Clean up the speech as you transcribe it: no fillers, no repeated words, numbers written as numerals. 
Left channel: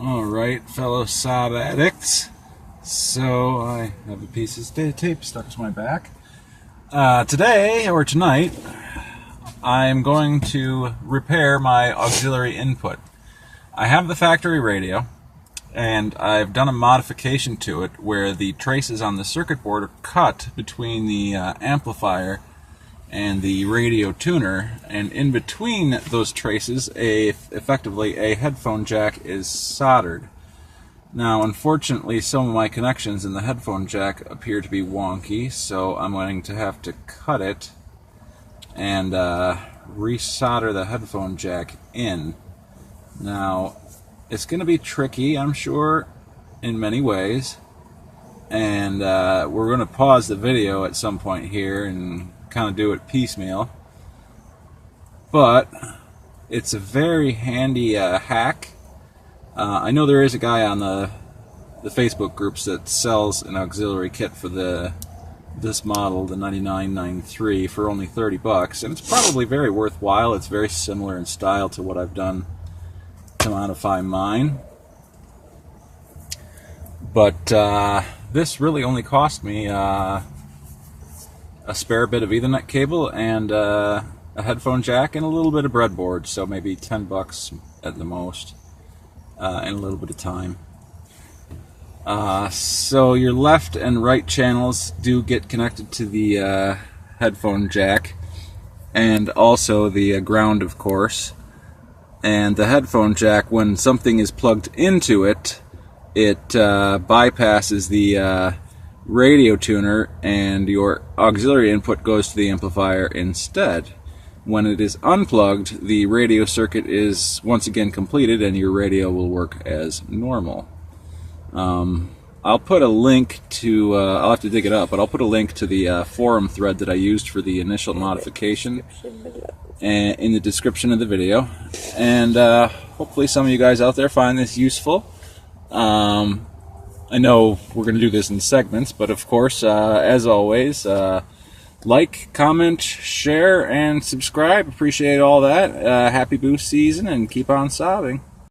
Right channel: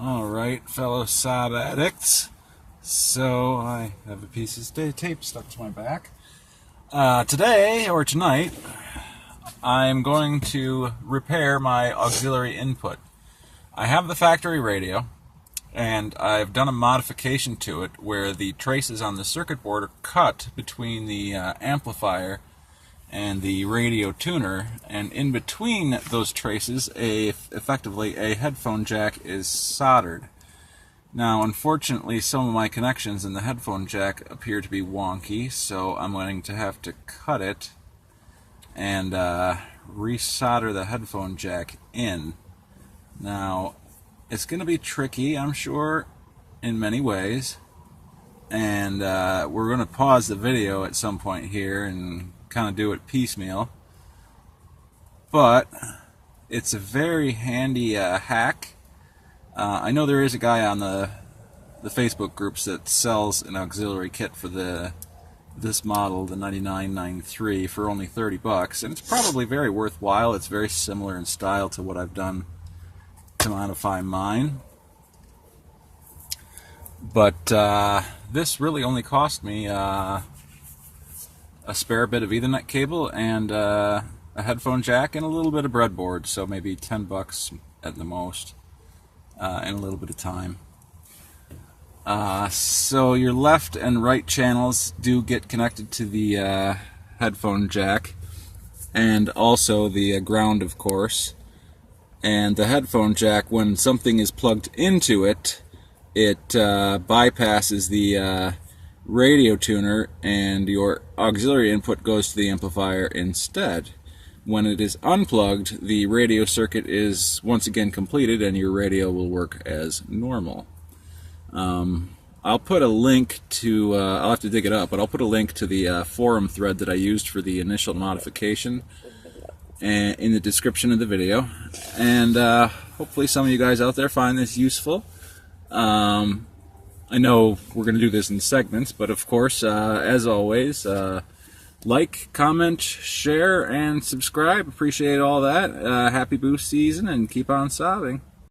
Alright, fellow Saab addicts. So, I have a piece of tape stuck to my back. Today, or tonight, I'm going to repair my auxiliary input. I have the factory radio, and I've done a modification to it where the traces on the circuit board are cut between the amplifier and the radio tuner, and in between those traces, effectively a headphone jack is soldered. Now, unfortunately, some of my connections in the headphone jack appear to be wonky, so I'm going to have to cut it and resolder the headphone jack in. Now, it's going to be tricky, I'm sure, in many ways, and we're going to pause the video at some point here and kind of do it piecemeal, but it's a very handy hack. I know there is a guy on the Facebook groups that sells an auxiliary kit for this model, the 9993, for only $30, and it's probably very worthwhile. It's very similar in style to what I've done to modify mine, but this really only cost me a spare bit of Ethernet cable and a headphone jack and a little bit of breadboard, so maybe $10 at the most, and a little bit of time. So your left and right channels do get connected to the headphone jack, and also the ground, of course. And the headphone jack, when something is plugged into it, it bypasses the radio tuner, and your auxiliary input goes to the amplifier instead. When it is unplugged, the radio circuit is once again completed and your radio will work as normal. I'll put a link to, I'll have to dig it up, but I'll put a link to the forum thread that I used for the initial modification in the description of the video, and hopefully some of you guys out there find this useful. I know we're going to do this in segments, but of course, as always, like, comment, share, and subscribe. Appreciate all that. Happy boost season, and keep on sobbing.